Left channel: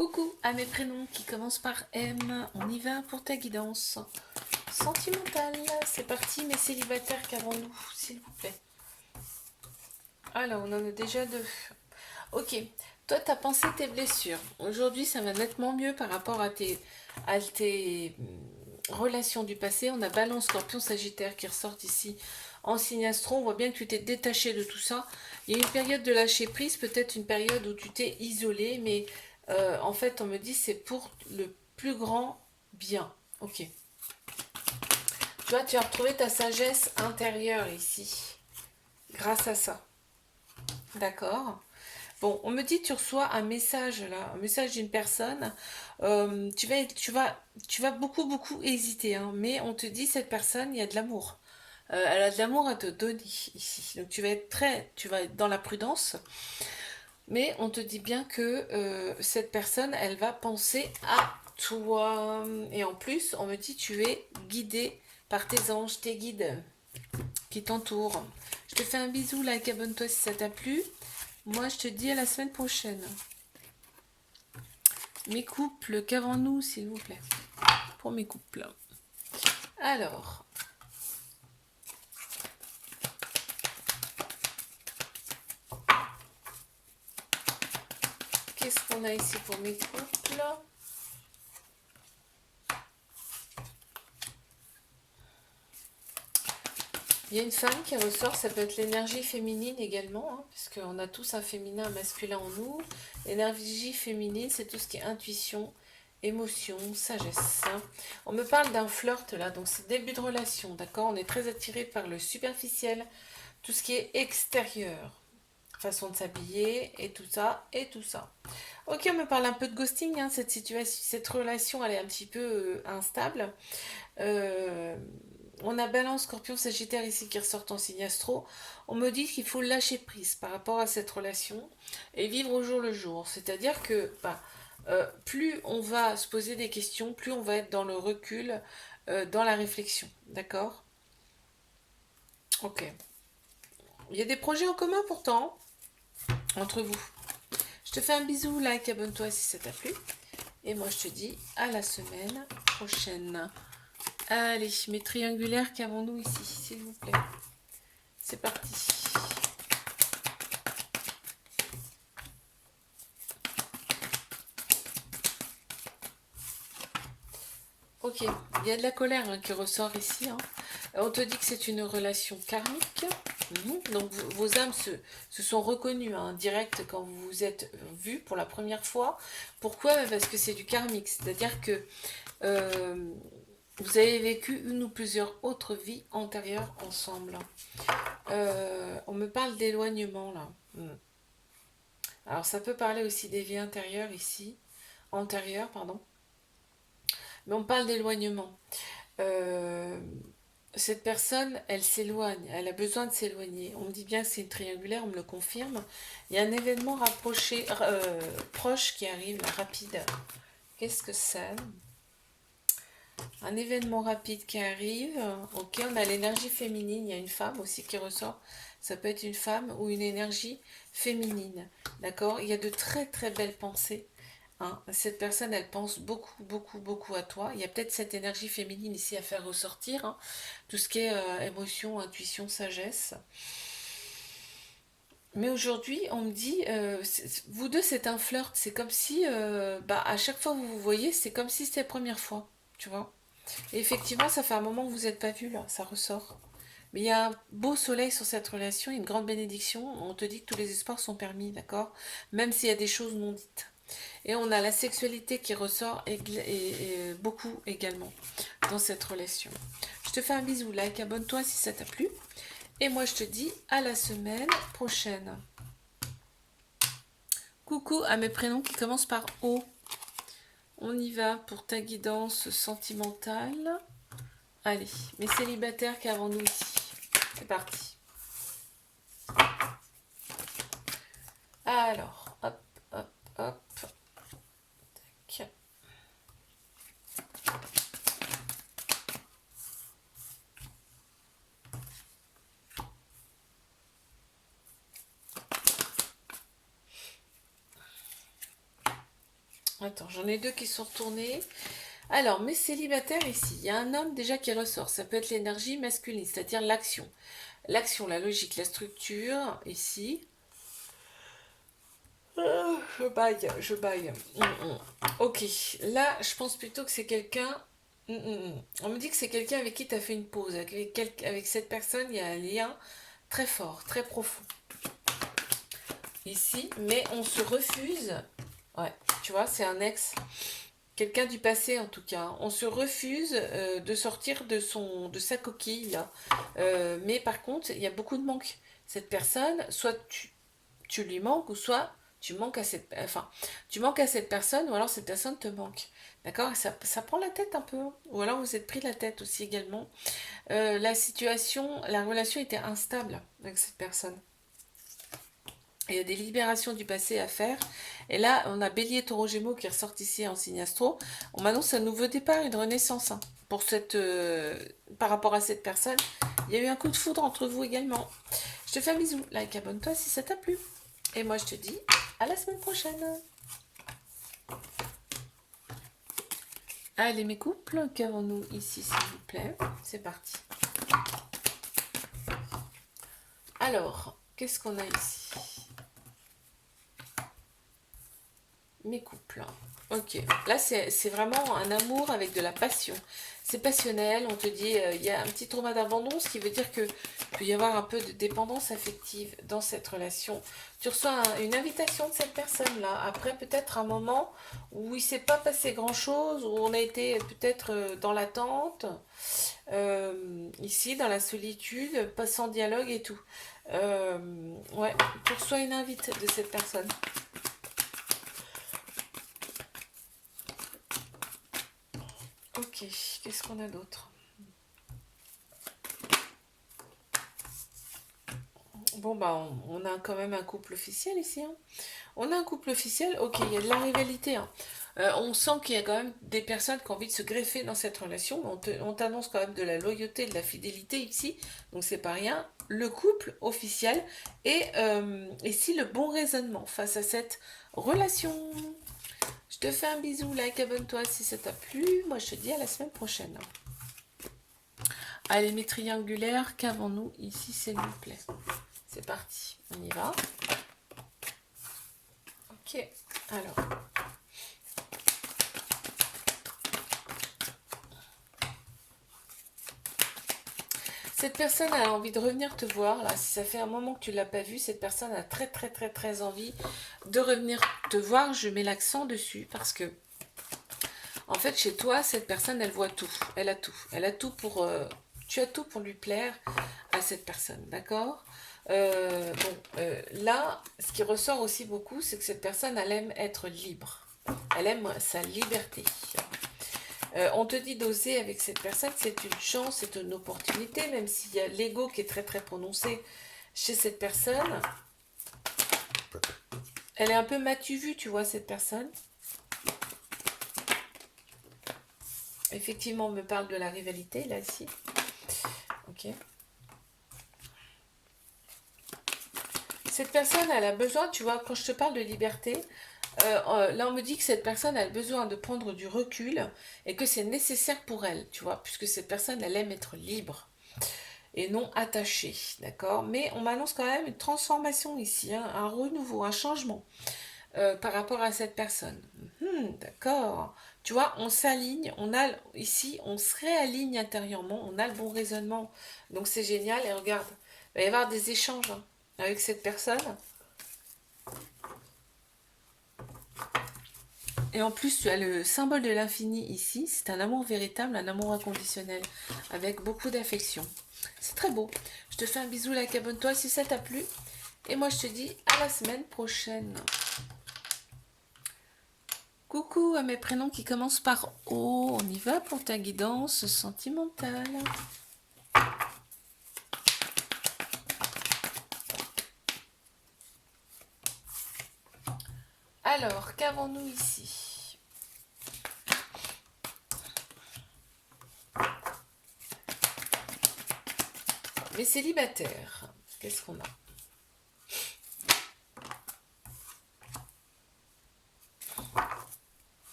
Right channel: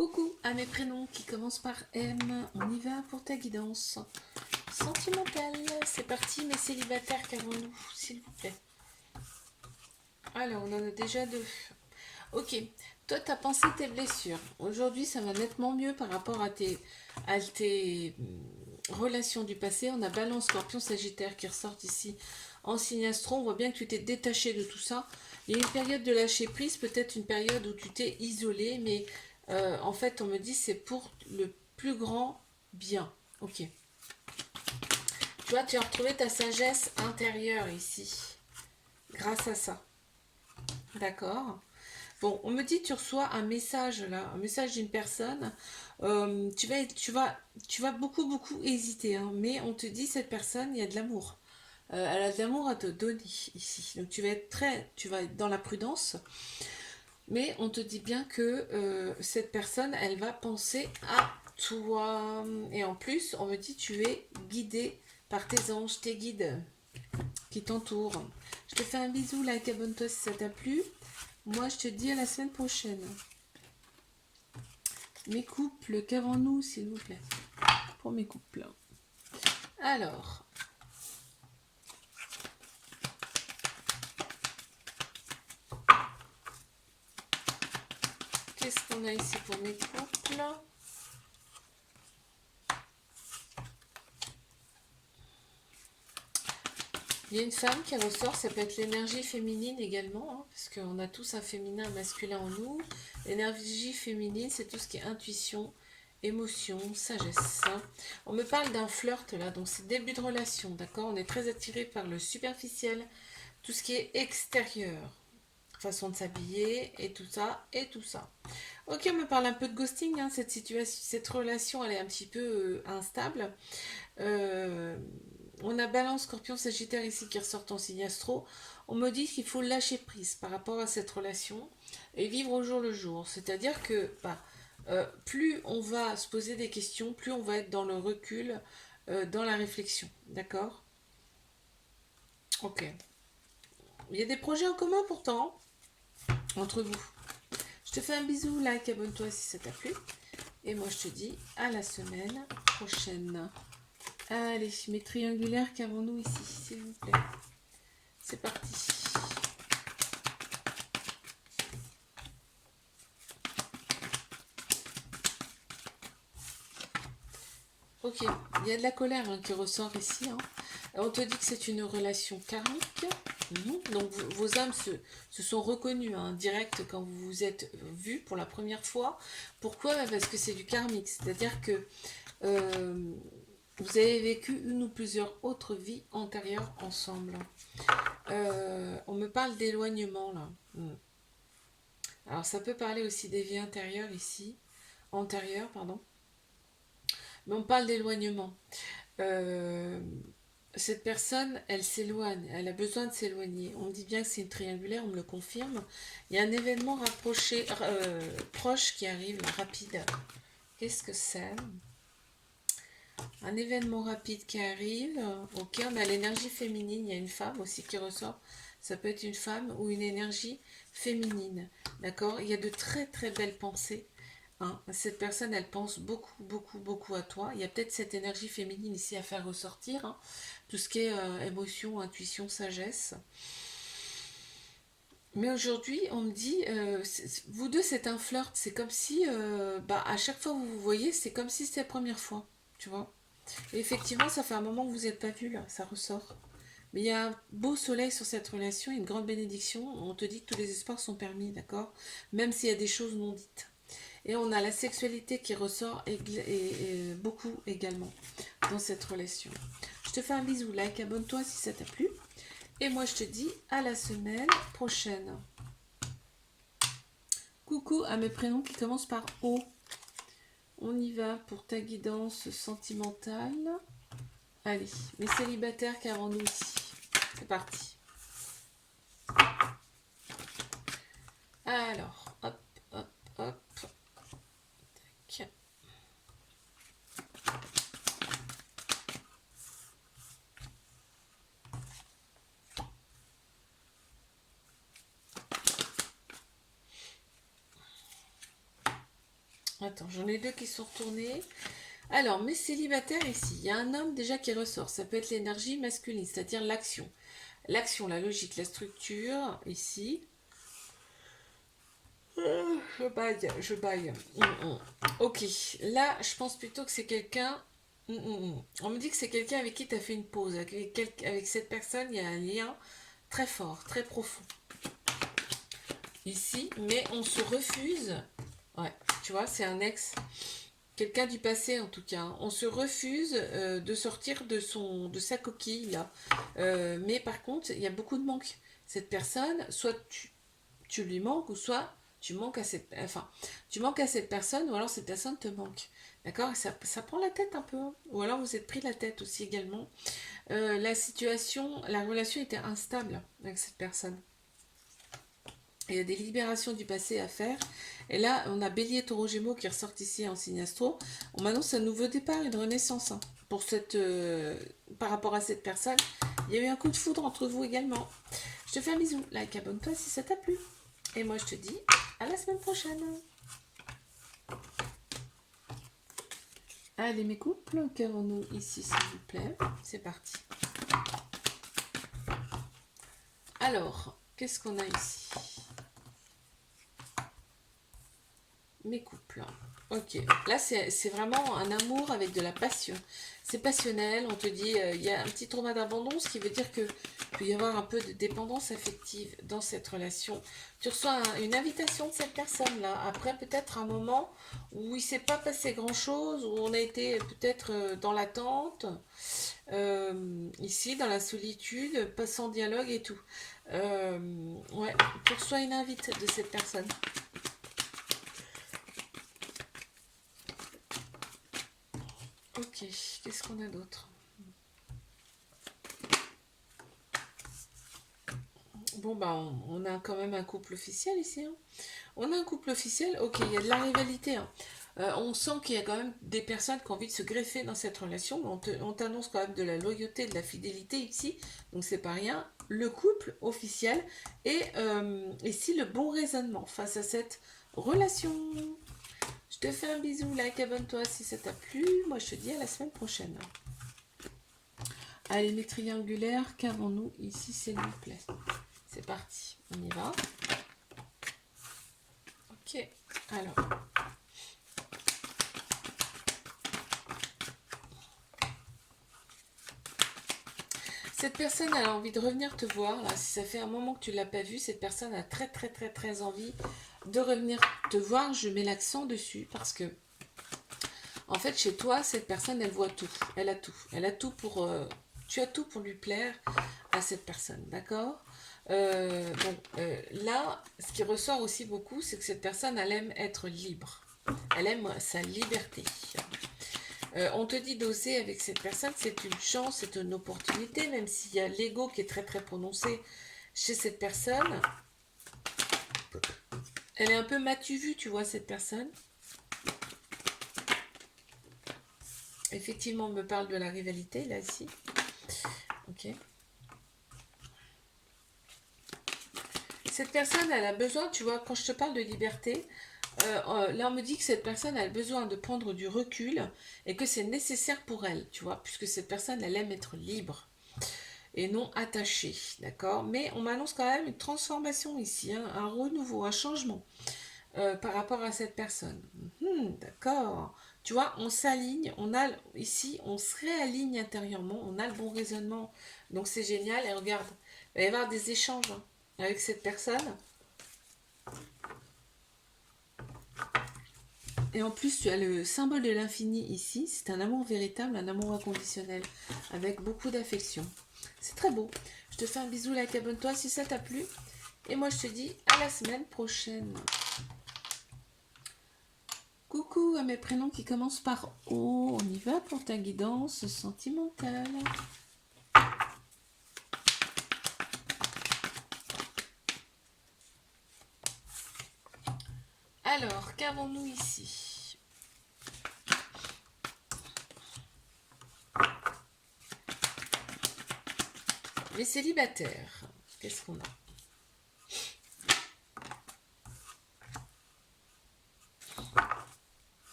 Coucou à mes prénoms qui commencent par M. On y va pour ta guidance sentimentale. C'est parti, mes célibataires qu'avons-nous, s'il vous plaît. Alors, on en a déjà deux. Ok, toi, tu as pensé tes blessures. Aujourd'hui, ça va nettement mieux par rapport à tes relations du passé. On a Balance, Scorpion, Sagittaire qui ressortent ici en signe astro. On voit bien que tu t'es détaché de tout ça. Il y a une période de lâcher prise, peut-être une période où tu t'es isolé, mais en fait, on me dit c'est pour le plus grand bien. Ok. Tu vois, tu as retrouvé ta sagesse intérieure ici, grâce à ça. D'accord. Bon, on me dit tu reçois un message là, un message d'une personne. Tu vas beaucoup hésiter, hein, mais on te dit cette personne, il y a de l'amour. Elle a de l'amour à te donner ici. Donc tu vas être dans la prudence, mais on te dit bien que cette personne, elle va penser à toi. Et en plus, on me dit tu es guidé par tes anges, tes guides qui t'entourent. Je te fais un bisou, like, abonne-toi si ça t'a plu. Moi, je te dis à la semaine prochaine. Mes couples, qu'avons-nous, s'il vous plaît, pour mes couples. Alors, qu'est-ce qu'on a ici pour mes couples? Il y a une femme qui ressort, ça peut être l'énergie féminine également, hein, parce qu'on a tous un féminin, un masculin en nous. L'énergie féminine, c'est tout ce qui est intuition, émotion, sagesse. Hein. On me parle d'un flirt là, donc c'est début de relation, d'accord? On est très attiré par le superficiel, tout ce qui est extérieur, façon de s'habiller et tout ça, et tout ça. Ok, on me parle un peu de ghosting, hein, cette situation, cette relation, elle est un petit peu instable. Euh, on a Balance, Scorpion, Sagittaire ici qui ressortent en signe astro. On me dit qu'il faut lâcher prise par rapport à cette relation et vivre au jour le jour. C'est-à-dire que plus on va se poser des questions, plus on va être dans le recul, dans la réflexion. D'accord? Ok. Il y a des projets en commun pourtant entre vous. Je te fais un bisou, like, abonne-toi si ça t'a plu. Et moi je te dis à la semaine prochaine. Allez, mes triangulaires qu'avons-nous ici, s'il vous plaît. C'est parti. Ok, il y a de la colère hein, qui ressort ici. Hein. On te dit que c'est une relation karmique. Donc vos âmes se sont reconnues en direct quand vous vous êtes vus pour la première fois. Pourquoi? Parce que c'est du karmique. C'est-à-dire que vous avez vécu une ou plusieurs autres vies antérieures ensemble. On me parle d'éloignement là. Alors ça peut parler aussi des vies intérieures ici. Antérieures, pardon. Mais on parle d'éloignement. Euh, cette personne, elle s'éloigne, elle a besoin de s'éloigner. On me dit bien que c'est une triangulaire, on me le confirme. Il y a un événement proche qui arrive, rapide. Qu'est-ce que c'est? Un événement rapide qui arrive. Ok, on a l'énergie féminine, il y a une femme aussi qui ressort. Ça peut être une femme ou une énergie féminine. D'accord? Il y a de très belles pensées. Hein. Cette personne, elle pense beaucoup à toi. Il y a peut-être cette énergie féminine ici à faire ressortir. Hein. Tout ce qui est émotion, intuition, sagesse. Mais aujourd'hui, on me dit, vous deux, c'est un flirt. C'est comme si, à chaque fois que vous vous voyez, c'est comme si c'était la première fois. Tu vois? Et effectivement, ça fait un moment que vous n'êtes pas vus, là. Ça ressort. Mais il y a un beau soleil sur cette relation, une grande bénédiction. On te dit que tous les espoirs sont permis, d'accord? Même s'il y a des choses non dites. Et on a la sexualité qui ressort et beaucoup également dans cette relation. Je te fais un bisou, like, abonne-toi si ça t'a plu. Et moi je te dis à la semaine prochaine. Coucou à mes prénoms qui commencent par O. On y va pour ta guidance sentimentale. Allez, mes célibataires qu'avons-nous ici? C'est parti. Alors, hop. Tac. Attends, j'en ai deux qui sont retournés. Alors, mes célibataires ici, il y a un homme déjà qui ressort. Ça peut être l'énergie masculine, c'est-à-dire l'action. L'action, la logique, la structure, ici. Je baille, je baille. Ok, là, je pense plutôt que c'est quelqu'un. On me dit que c'est quelqu'un avec qui tu as fait une pause. Avec cette personne, il y a un lien très fort, très profond. Ici, mais on se refuse. Ouais, tu vois, c'est un ex. Quelqu'un du passé en tout cas. On se refuse de sortir de sa coquille là. Mais par contre, il y a beaucoup de manque. Cette personne, soit tu lui manques, ou soit tu manques à cette personne, ou alors cette personne te manque. D'accord? Ça prend la tête un peu. Ou alors vous êtes pris la tête aussi également. La relation était instable avec cette personne. Il y a des libérations du passé à faire. Et là, on a Bélier, Taureau, Gémeaux qui ressortent ici en signe astro. On m'annonce un nouveau départ, une renaissance. Hein, par rapport à cette personne. Il y a eu un coup de foudre entre vous également. Je te fais un bisou. Like, abonne-toi si ça t'a plu. Et moi, je te dis à la semaine prochaine. Allez, mes couples, qu'avons-nous ici, s'il vous plaît? C'est parti. Alors, qu'est-ce qu'on a ici? Mes couples. Ok, là c'est vraiment un amour avec de la passion. C'est passionnel, on te dit, il y a un petit trauma d'abandon, ce qui veut dire que peut y avoir un peu de dépendance affective dans cette relation. Tu reçois une invitation de cette personne-là, après peut-être un moment où il ne s'est pas passé grand-chose, où on a été peut-être dans l'attente, ici dans la solitude, pas sans dialogue et tout. Ouais, tu reçois une invite de cette personne. Ok, qu'est-ce qu'on a d'autre? Bon, bah, on a quand même un couple officiel ici. Hein. On a un couple officiel, ok, il y a de la rivalité. Hein. On sent qu'il y a quand même des personnes qui ont envie de se greffer dans cette relation, mais on t'annonce quand même de la loyauté, de la fidélité ici, donc c'est pas rien. Le couple officiel et ici le bon raisonnement face à cette relation. Je te fais un bisou, like, abonne-toi si ça t'a plu. Moi, je te dis à la semaine prochaine. Allez, mes triangulaires, qu'avons-nous ici, s'il vous plaît? C'est parti, on y va. Ok, alors. Cette personne a envie de revenir te voir. Là, si ça fait un moment que tu ne l'as pas vue, cette personne a très très très très envie de revenir te voir. Je mets l'accent dessus parce que, en fait, chez toi, cette personne, elle voit tout. Elle a tout. Elle a tout pour... tu as tout pour lui plaire à cette personne, d'accord? Là, ce qui ressort aussi beaucoup, c'est que cette personne, elle aime être libre. Elle aime sa liberté. On te dit d'oser avec cette personne, c'est une chance, c'est une opportunité, même s'il y a l'ego qui est très très prononcé chez cette personne. Elle est un peu m'as-tu vu, tu vois, cette personne. Effectivement, on me parle de la rivalité, là, ici. Ok. Cette personne, elle a besoin, tu vois, quand je te parle de liberté, là on me dit que cette personne a besoin de prendre du recul et que c'est nécessaire pour elle, tu vois, puisque cette personne, elle aime être libre et non attachée, d'accord? Mais on m'annonce quand même une transformation ici, hein, un renouveau, un changement par rapport à cette personne. D'accord. Tu vois, on s'aligne, ici, on se réaligne intérieurement, on a le bon raisonnement, donc c'est génial. Et regarde, il va y avoir des échanges hein, avec cette personne. Et en plus, tu as le symbole de l'infini ici. C'est un amour véritable, un amour inconditionnel, avec beaucoup d'affection. C'est très beau. Je te fais un bisou, like, abonne-toi si ça t'a plu. Et moi, je te dis à la semaine prochaine. Coucou à mes prénoms qui commencent par O. On y va pour ta guidance sentimentale. Alors, qu'avons-nous ici? Les célibataires, qu'est-ce qu'on a?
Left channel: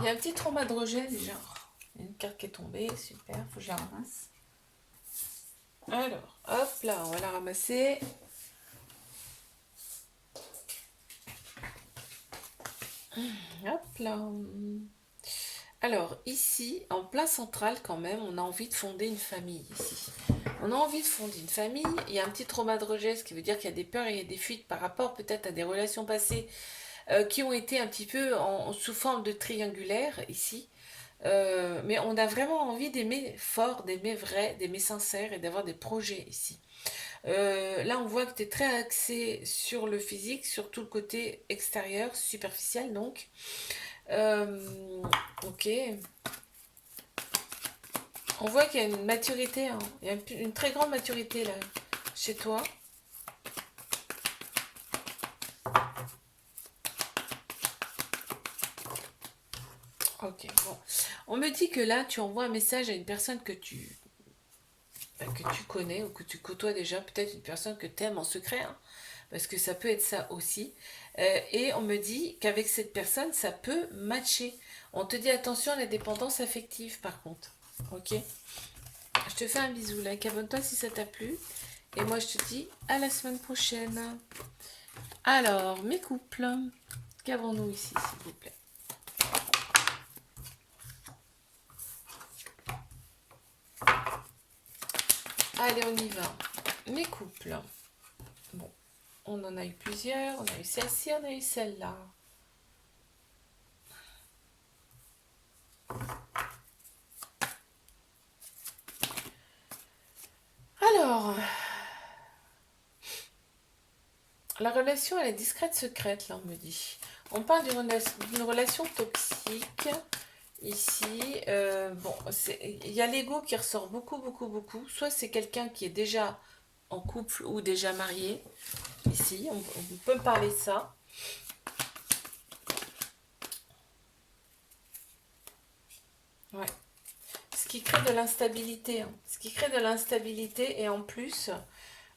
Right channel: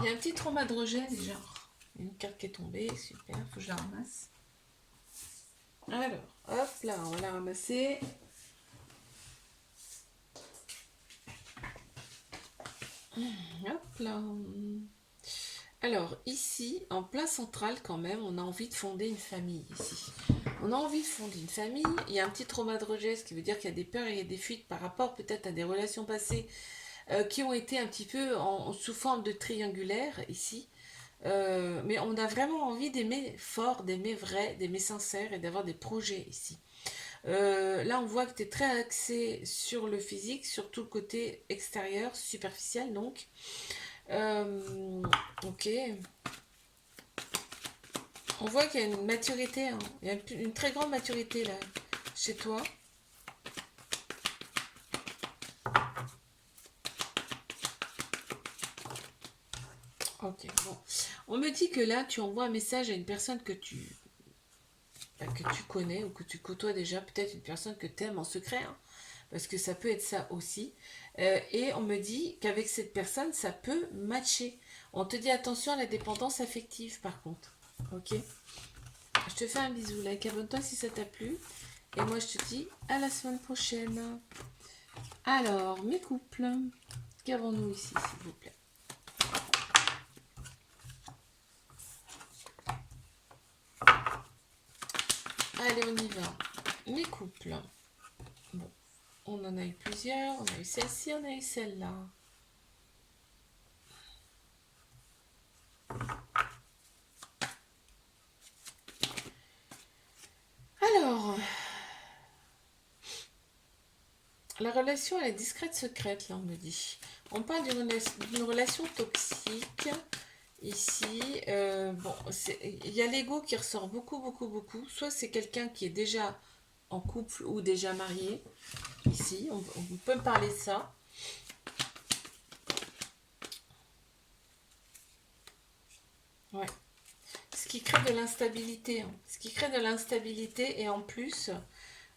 Il y a un petit trauma de rejet déjà. Il y a une carte qui est tombée, super, faut que je la ramasse. Alors, hop là, on va la ramasser. Hop là. Alors, ici, en plein central quand même, on a envie de fonder une famille ici. On a envie de fonder une famille. Il y a un petit trauma de rejet, ce qui veut dire qu'il y a des peurs et il y a des fuites par rapport peut-être à des relations passées qui ont été un petit peu sous forme de triangulaire ici. Mais on a vraiment envie d'aimer fort, d'aimer vrai, d'aimer sincère et d'avoir des projets ici. Là, on voit que tu es très axé sur le physique, sur tout le côté extérieur, superficiel donc. Euh, ok. On voit qu'il y a une maturité, hein. Il y a une très grande maturité là, chez toi. Ok, bon. On me dit que là, tu envoies un message à une personne que tu connais ou que tu côtoies déjà, peut-être une personne que tu aimes en secret, hein, parce que ça peut être ça aussi. Et on me dit qu'avec cette personne, ça peut matcher. On te dit attention à la dépendance affective par contre. Ok. Je te fais un bisou, like, abonne-toi si ça t'a plu. Et moi, je te dis à la semaine prochaine. Alors, mes couples, qu'avons-nous ici, s'il vous plaît? Allez, on y va. Mes couples. Bon, on en a eu plusieurs. On a eu celle-ci, on a eu celle-là. Alors, la relation, elle est discrète, secrète, là, on me dit. On parle d'une relation toxique. Ici, bon, il y a l'ego qui ressort beaucoup, beaucoup, beaucoup. Soit c'est quelqu'un qui est déjà en couple ou déjà marié. Ici, on peut me parler de ça. Ouais. Ce qui crée de l'instabilité, hein. Ce qui crée de l'instabilité et en plus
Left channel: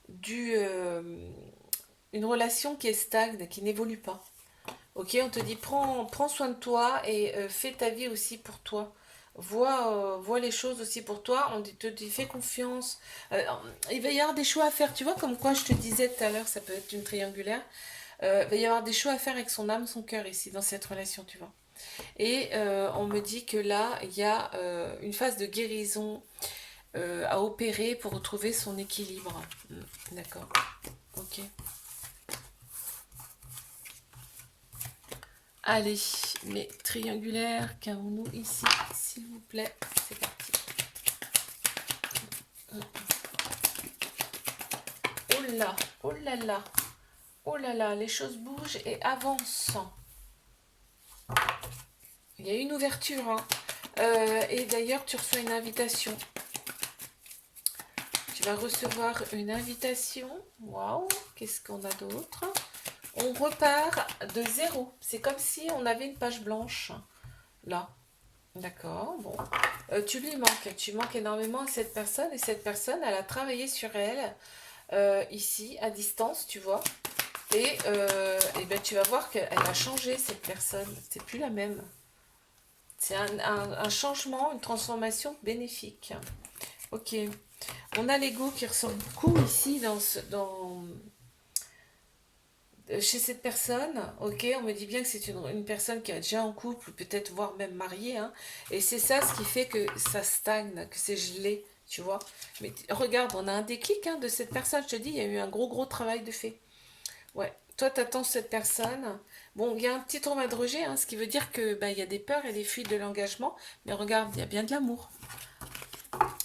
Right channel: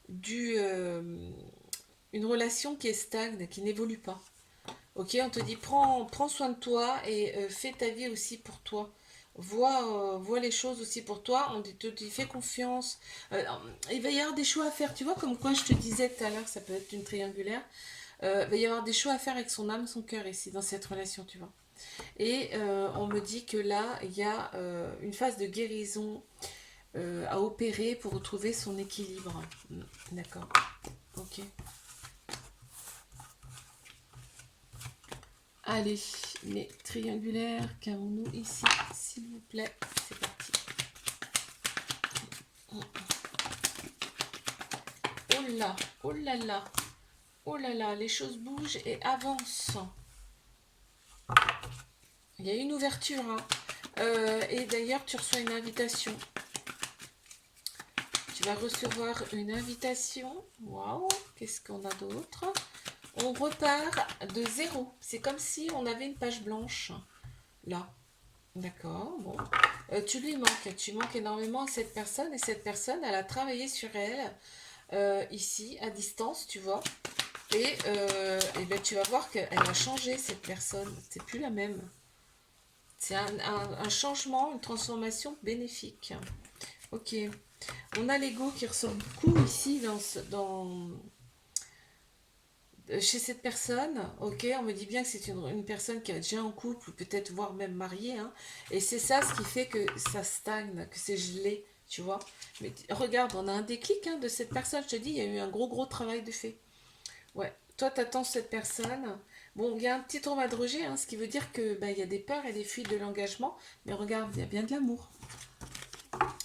une relation qui est stagne, qui n'évolue pas. Ok, on te dit prends soin de toi et fais ta vie aussi pour toi. Vois les choses aussi pour toi. Te dit fais confiance. Il va y avoir des choix à faire. Tu vois, comme quoi je te disais tout à l'heure, ça peut être une triangulaire. Il va y avoir des choix à faire avec son âme, son cœur ici, dans cette relation, tu vois. Et on me dit que là, il y a une phase de guérison à opérer pour retrouver son équilibre. D'accord. Ok. Allez, mes triangulaires, qu'avons-nous ici, s'il vous plaît? C'est parti. Oh là, oh là là, oh là là, les choses bougent et avancent. Il y a une ouverture, hein. Et d'ailleurs, tu reçois une invitation. Tu vas recevoir une invitation. Waouh, qu'est-ce qu'on a d'autre? On repart de zéro. C'est comme si on avait une page blanche. Là. D'accord, bon. Tu lui manques. Tu manques énormément à cette personne. Et cette personne, elle a travaillé sur elle. Ici, à distance, tu vois. Et ben, tu vas voir qu'elle a changé, cette personne. C'est plus la même. C'est un changement, une transformation bénéfique. Ok. On a l'ego qui ressort beaucoup ici chez cette personne. Ok, on me dit bien que c'est une personne qui est déjà en couple, ou peut-être voire même mariée. Hein, et c'est ça ce qui fait que ça stagne, que c'est gelé, tu vois. Mais regarde, on a un déclic, hein, de cette personne. Je te dis, il y a eu un gros travail de fait. Ouais, toi, t'attends cette personne. Bon, il y a un petit trauma de rejet, hein, ce qui veut dire que il y a des peurs et des fuites de l'engagement. Mais regarde, il y a bien de l'amour.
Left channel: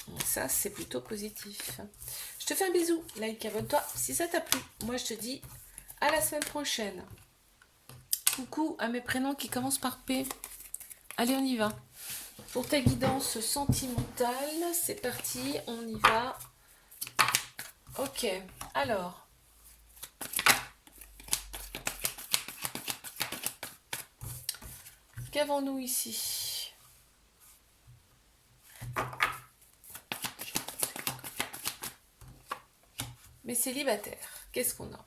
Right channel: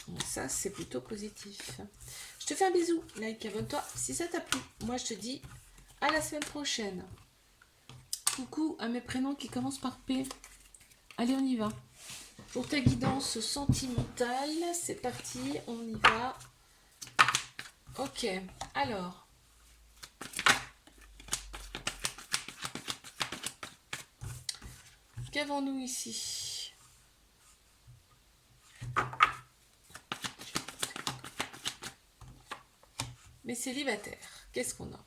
Donc ça, c'est plutôt positif. Je te fais un bisou. Like, abonne-toi si ça t'a plu. Moi, je te dis à la semaine prochaine. Coucou à mes prénoms qui commencent par P. Allez, on y va. Pour ta guidance sentimentale, c'est parti, on y va. Ok, alors. Qu'avons-nous ici? Mais célibataire, qu'est-ce qu'on a?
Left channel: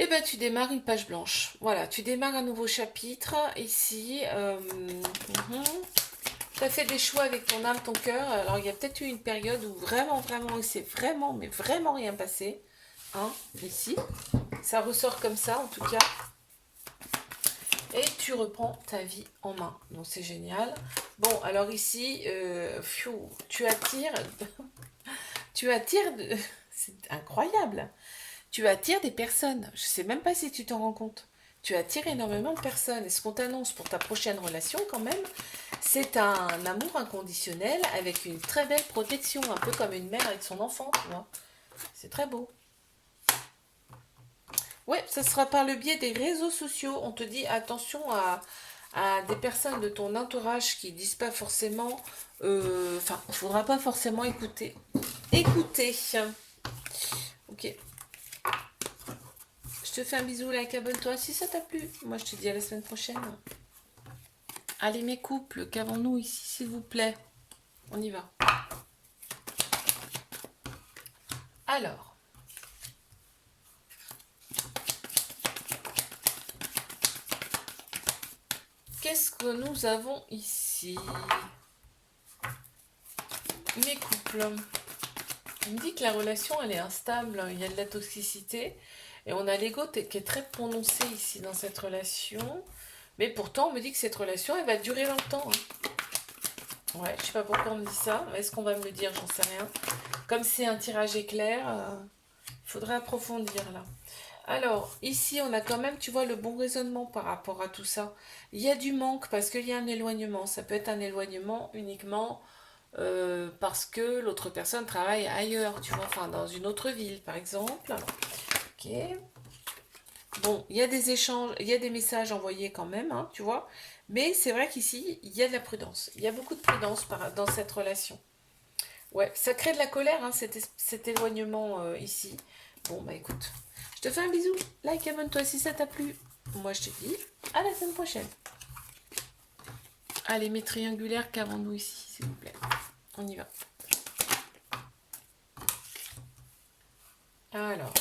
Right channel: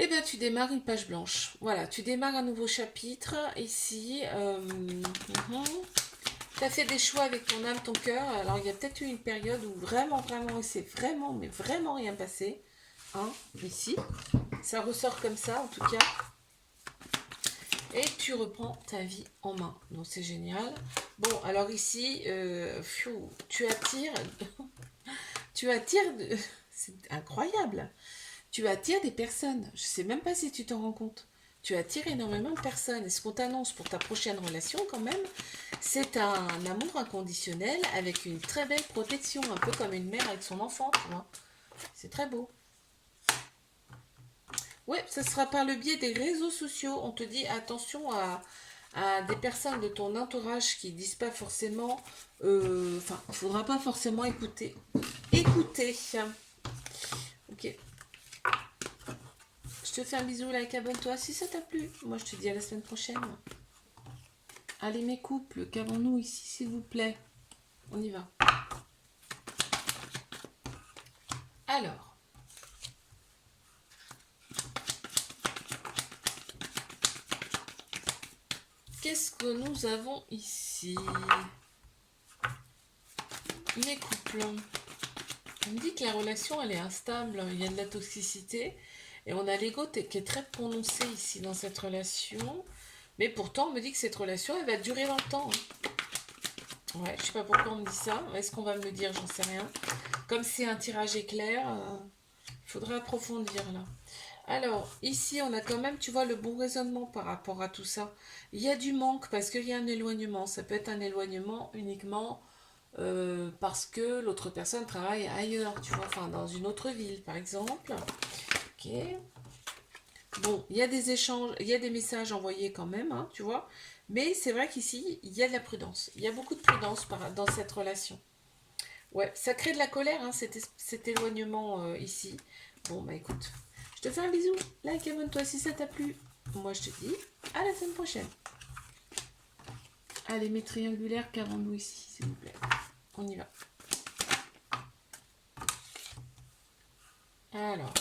Eh ben, tu démarres une page blanche. Voilà, tu démarres un nouveau chapitre ici. Tu as fait des choix avec ton âme, ton cœur. Alors, il y a peut-être eu une période où vraiment, il s'est vraiment, mais vraiment rien passé. Hein, ici. Ça ressort comme ça, en tout cas. Et tu reprends ta vie en main. Donc, c'est génial. Bon, alors ici, tu attires... tu attires... C'est incroyable. Tu attires des personnes. Je ne sais même pas si tu t'en rends compte. Tu attires énormément de personnes. Et ce qu'on t'annonce pour ta prochaine relation, quand même, c'est un amour inconditionnel avec une très belle protection, un peu comme une mère avec son enfant, tu vois. C'est très beau. Ouais, ça sera par le biais des réseaux sociaux. On te dit attention à des personnes de ton entourage qui disent pas forcément. Enfin, il faudra pas forcément écouter. Écoutez. Ok. Je te fais un bisou, like, abonne-toi si ça t'a plu. Moi, je te dis à la semaine prochaine. Allez, mes couples, qu'avons-nous ici, s'il vous plaît? On y va. Alors. Qu'est-ce que nous avons ici? Mes couples. On me dit que la relation, elle est instable. Il y a de la toxicité. Et on a l'ego qui est très prononcé ici dans cette relation. Mais pourtant, on me dit que cette relation, elle va durer longtemps. Ouais, je sais pas pourquoi on me dit ça. Est-ce qu'on va me le dire? J'en sais rien. Comme c'est un tirage éclair, il faudrait approfondir là. Alors, ici, on a quand même, tu vois, le bon raisonnement par rapport à tout ça. Il y a du manque parce qu'il y a un éloignement. Ça peut être un éloignement uniquement parce que l'autre personne travaille ailleurs, tu vois, enfin dans une autre ville, par exemple. Ok. Bon, il y a des échanges, il y a des messages envoyés quand même, hein, tu vois. Mais c'est vrai qu'ici, il y a de la prudence. Il y a beaucoup de prudence dans cette relation. Ouais, ça crée de la colère, hein, cet éloignement ici. Bon, bah écoute, je te fais un bisou. Like, abonne-toi si ça t'a plu. Moi, je te dis à la semaine prochaine. Allez, mes triangulaires, qu'avons-nous ici, s'il vous plaît? On y va. Alors.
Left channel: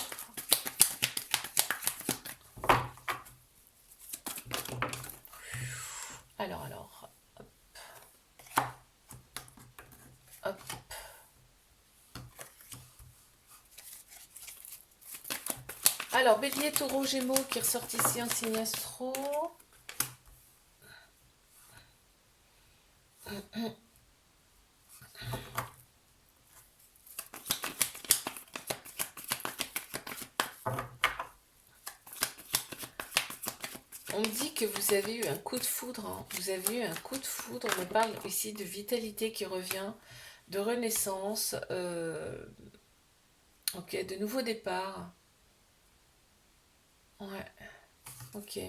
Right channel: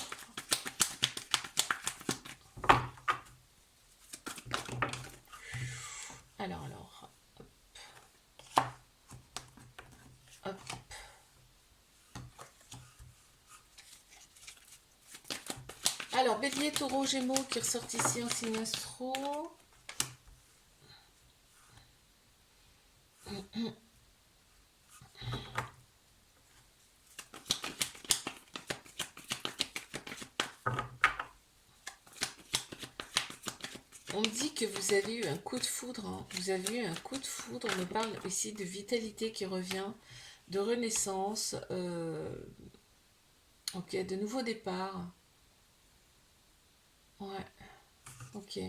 Hop. Alors, Bélier, Taureau, Gémeaux qui ressort ici en signe astro. On me dit que vous avez eu un coup de foudre. Hein. Vous avez eu un coup de foudre. On me parle ici de vitalité qui revient, de renaissance, ok, de nouveau départ. Ouais, ok.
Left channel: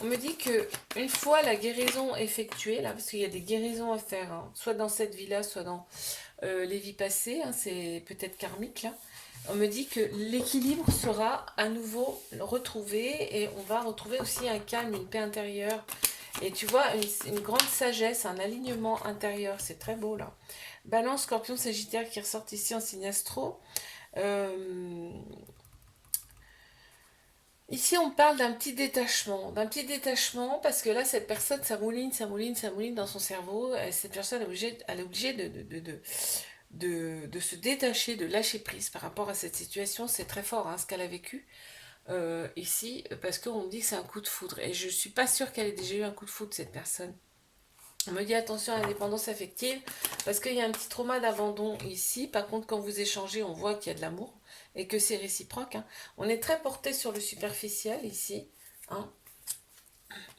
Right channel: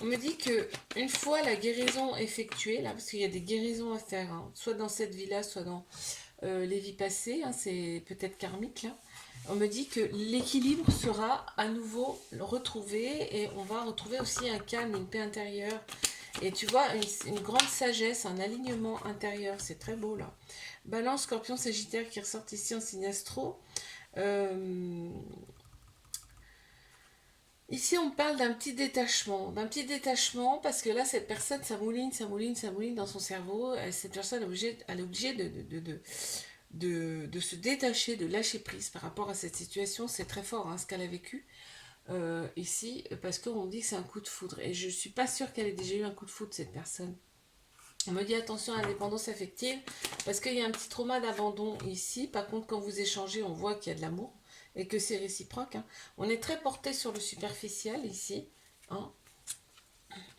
On me dit que une fois la guérison effectuée, là, parce qu'il y a des guérisons à faire, hein, soit dans cette vie-là, soit dans les vies passées, hein, c'est peut-être karmique là. On me dit que l'équilibre sera à nouveau retrouvé et on va retrouver aussi un calme, une paix intérieure. Et tu vois, une grande sagesse, un alignement intérieur, c'est très beau là. Balance, Scorpion, Sagittaire qui ressortent ici en signe astro. Ici, on parle d'un petit détachement, parce que là, cette personne, ça mouline dans son cerveau. Cette personne, elle est obligée de se détacher, de lâcher prise par rapport à cette situation. C'est très fort, hein, ce qu'elle a vécu ici, parce qu'on dit que c'est un coup de foudre. Et je suis pas sûre qu'elle ait déjà eu un coup de foudre, cette personne. On me dit attention à la dépendance affective, parce qu'il y a un petit trauma d'abandon ici. Par contre, quand vous échangez, on voit qu'il y a de l'amour et que c'est réciproque. Hein. On est très porté sur le superficiel ici. Hein.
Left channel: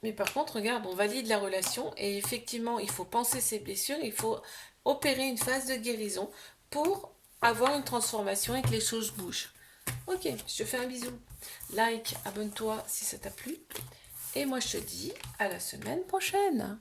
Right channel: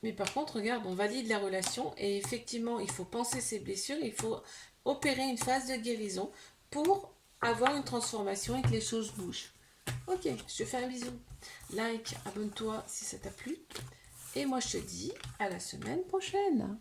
Mais par contre, regarde, on valide la relation et effectivement, il faut penser ses blessures, il faut opérer une phase de guérison pour avoir une transformation et que les choses bougent. Ok, je te fais un bisou. Like, abonne-toi si ça t'a plu. Et moi, je te dis à la semaine prochaine.